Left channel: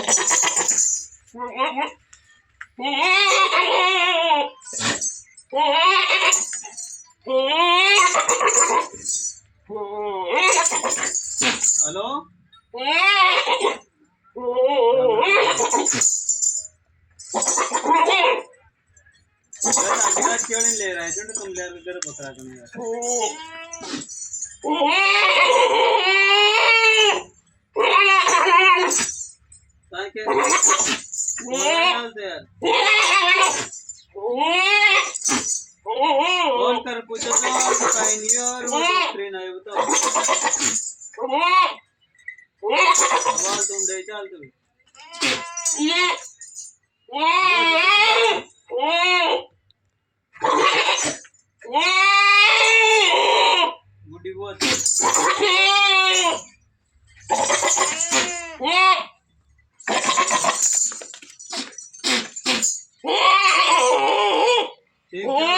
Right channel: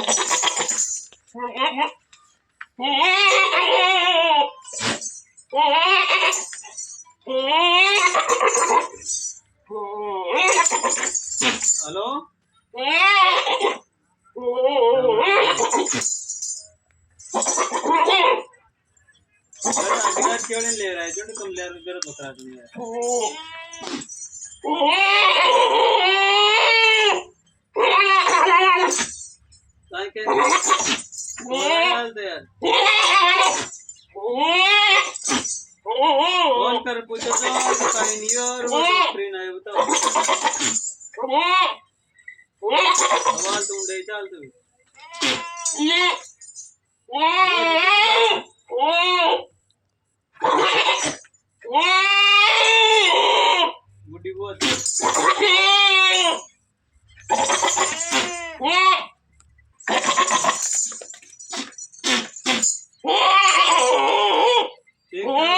हेलो। आज क्यों नहीं ले रहा है? जो तुम ले रहे हो बता दो यार। ताकि मोबाइल दे यार। फोन कर पूछो तो बताए नहीं और वो स्क्रीन आए बताओ। आवाज तुम दे चल तू। बुढ़ी बहुत ठीक है।